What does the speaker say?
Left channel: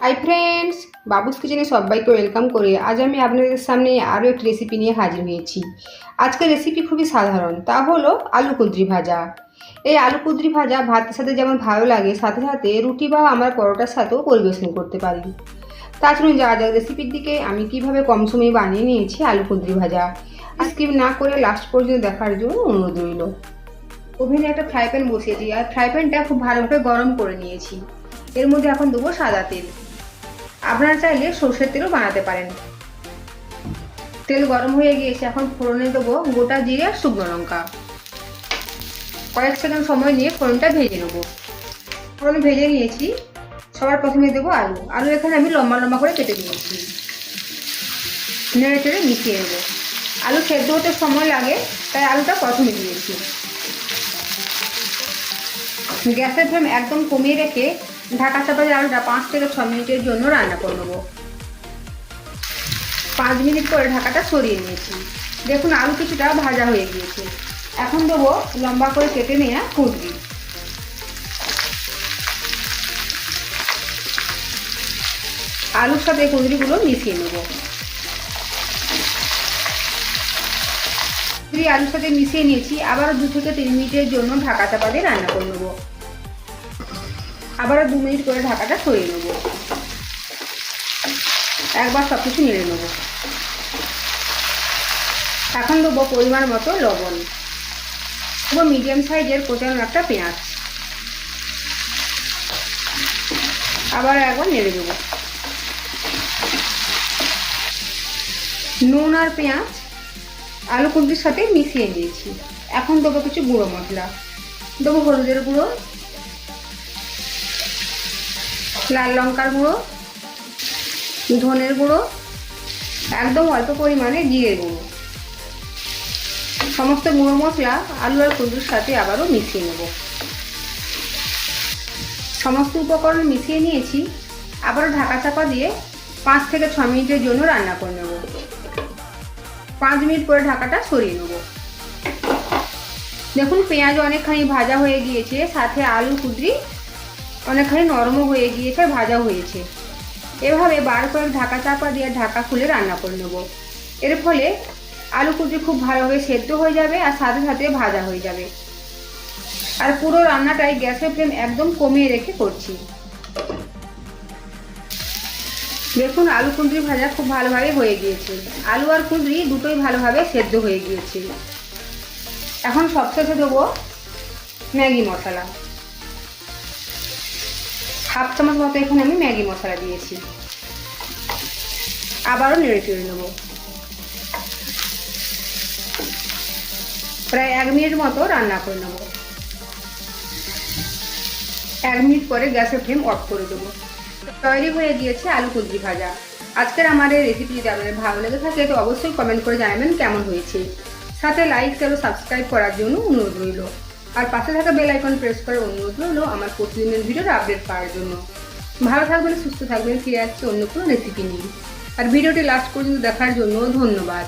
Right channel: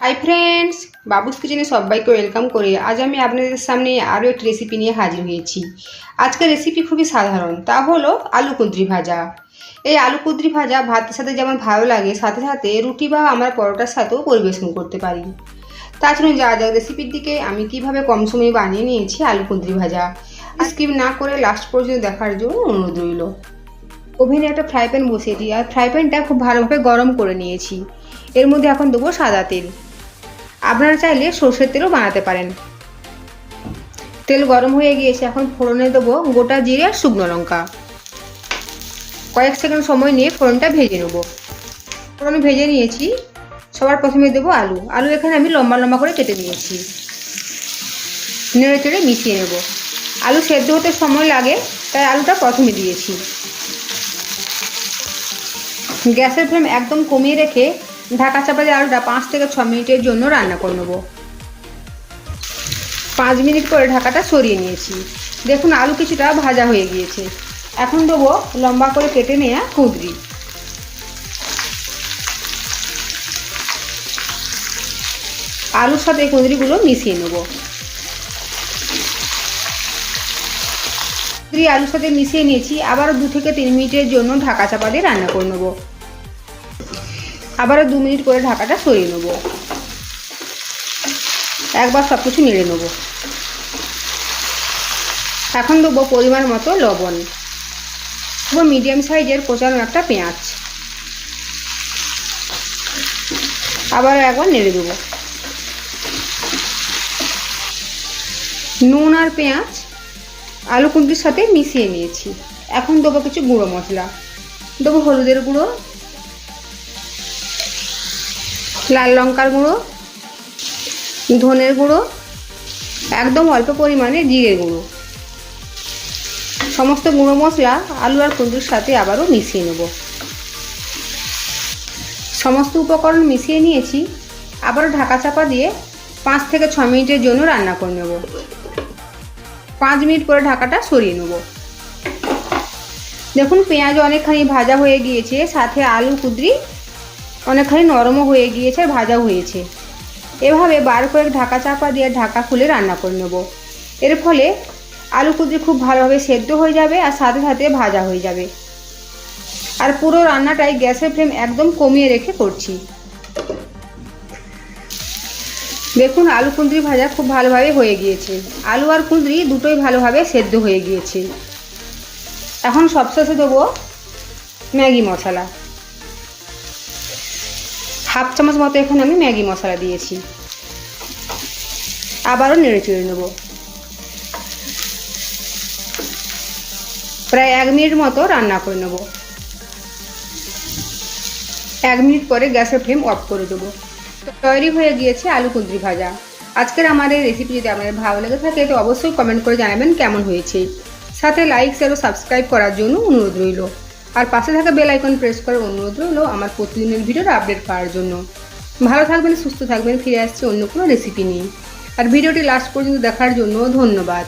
Hi friends, বাবুস কিচেনে সবাইকে welcome করে আজ আমি আপনাদের সামনে আরও একটি রেসিপি নিয়ে হাজির হয়েছি। আজকের রেসিপি খুবই সাধারণ, তা হলো আলু কুঁদরি ভাজা। এই আলু কুঁদরি ভাজা ভাতের সাথে যেমন ভালো লাগে, সাথে সাথে রুটি বা আমরা পরোটার সাথেও পরিবেশন করতে পারি। তাছাড়া যা যাক রেসিপির দিকে আমি কিভাবে কম সময়ে বানিয়ে নিয়েছি আলু কুঁদরি ভাজা, স্কিপ না করে লাস্ট পর্যন্ত দেখার জন্য অনুরোধ রইল। ওভেনে একটা ফ্রাই প্যান বসিয়ে দিই আর ফ্রাই প্যানটা খুব ভালোভাবে গরম করে নিয়েছি। এর মধ্যে এখন দেবো সাদা তেল। আপনারা চাইলে সর্ষের তেলও বানাতে পারেন। তেল গরম হয়ে গিয়েছে, এখন ফোড়নে দেবো গোটা জিরে আর শুকনো লঙ্কা। কয়েক সেকেন্ড সময় নিয়ে ফোড়নটা ভেজে নেব। ফোড়ন ভেজে নিয়েছি। সবার প্রথমে দেবো আলু এখানে আমি লম্বা লম্বা করে কেটে নিয়েছি। নেড়ে চেড়ে মিশিয়ে নেব। আলু সেদ্ধ হতে সময় লাগে, তাই আলুটা প্রথমে দিয়েছি। গ্যাসের ফ্লেম একদম কমিয়ে রেখে ঢাকা চাপা দিয়ে আলুটা 5 থেকে 6 মিনিটের জন্য রান্না করে নেব। 5 মিনিট করে ঢাকাটা সরিয়ে নিয়েছি। দেখুন আলু কিছুটা ভাজা হয়ে গিয়েছে। এখন দেবো লম্বা করে কেটে নেওয়া কুঁদরি। আলুর সাথে কুঁদরিগুলো মিশিয়ে নেব। কুঁদরি আলুর সাথে মিশিয়ে নিয়েছি। আবারও 2 থেকে 3 মিনিটের জন্য ঢাকা চাপা দিয়ে রান্না করে নেব। আবারও 2 মিনিট করে ঢাকাটা সরিয়ে নেব। একবার সব কিছু নেড়ে নেব। এখন দেবো পরিমাণ মতো লবণ। দেবো মিডিয়াম সাইজের কোচানো একটা পেঁয়াজ। আবার একবার নেড়ে দেবো। নুন আর পেঁয়াজ আলু কুঁদরির সাথে মিশিয়ে নিয়েছি। এখন দেবো কিছু গুঁড়ো মশলা। দেবো হলুদের গুঁড়ো, লাল লঙ্কার গুঁড়ো, ধনের গুঁড়ো, একদম অল্প পরিমাণে জিরে গুঁড়ো। সমস্ত গুঁড়ো মশলা আলু আর কুঁদরির সাথে আবারও মিশিয়ে নেব। সমস্ত উপকরণ মিশিয়ে নিয়েছি। আবারও ঢাকা চাপা দিয়ে 5 থেকে 6 মিনিটের জন্য রান্না করে নেব। 5 মিনিট করে ঢাকাটা সরিয়ে নেব। দেখুন পেঁয়াজ অনেকখানি ভাজা হয়ে গিয়েছে, সাথে আলু কুঁদরি অনেকখানি নরমও হয়ে গিয়েছে আর ভাজাও হয়েছে। এভাবে বার করে ঢাকা চাপা দিয়ে ঢাকা খুলে রান্না করে নেব। এর ফলে আলু কুঁদরি খুব ভালোভাবে সেদ্ধ হয়ে যাবে আর সাথে সাথে ভাজা হয়ে যাবে। আর পুরো রান্নাটাই গ্যাসের ফ্লেম একদম কমিয়ে রেখে করছি। দেখুন আলু কুঁদরি ভাজা খুব ভালোভাবে হয়ে গিয়েছে। আলু আর কুঁদরি দুটোই ভালোভাবে সেদ্ধ হয়ে গিয়েছে। এখন সবশেষে দেবো ম্যাগি মশলা। হাফ চামচ মতো এখানে আমি ম্যাগি মশলা দিয়েছি। আবারও নেড়ে চেড়ে নেব। প্রায় 1 মিনিট মতো রান্না করে নেব। 1 মিনিট পরে গ্যাসের ফ্লেম অফ করে দেবো। তৈরি হয়ে গিয়েছে আলু কুঁদরি ভাজা। আজকের আমার এই রেসিপি যদি আপনাদের ভালো লেগে থাকে তো অবশ্যই কমেন্ট করে জানাবেন কেমন হয়েছে। সাথে লাইক শেয়ার ও সাবস্ক্রাইব করার জন্য অনুরোধ রইল। আর পাশে থাকা বেল আইকন প্রেস করার অনুরোধ রইল আমার প্রতিদিনের ভিডিওর আপডেট পাওয়ার জন্য। ভালো থাকবেন, সুস্থ থাকবেন। ফিরে আসছে অন্য কোনো রেসিপি নিয়ে। আর ভিডিওটি লাস্ট পর্যন্ত দেখার জন্য ধন্যবাদ।